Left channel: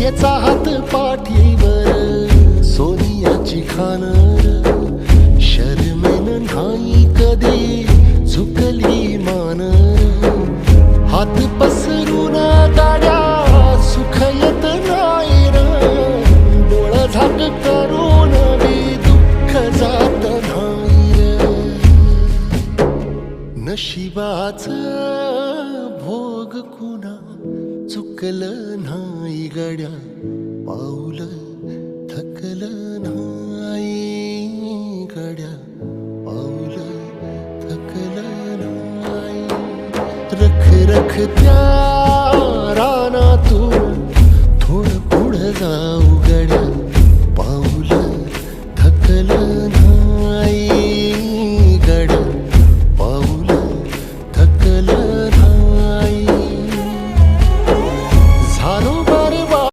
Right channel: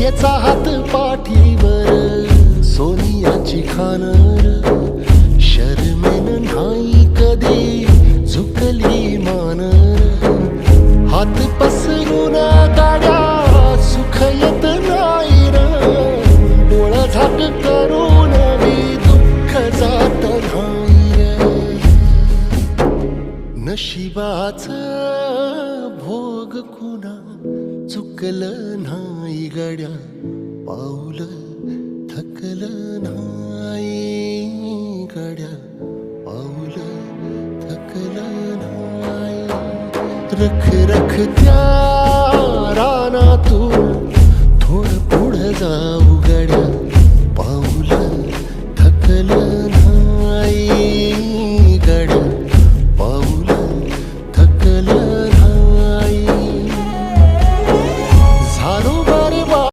भाग्याचा हात पाठीवर सोनियाची खानर शर्मेन नाही कधी झुकली मानर हात पसरून गाड्या सुख येत नाही र डोळा झाक करून बी दुःख जात नाही र नशिबाचं भोग कुणा चुकलं नाही गड्या पाऊल थकलं नाही गड्या पाऊल थकलं नाही रख रख त्या रानातून थोडं पुढं जाऊ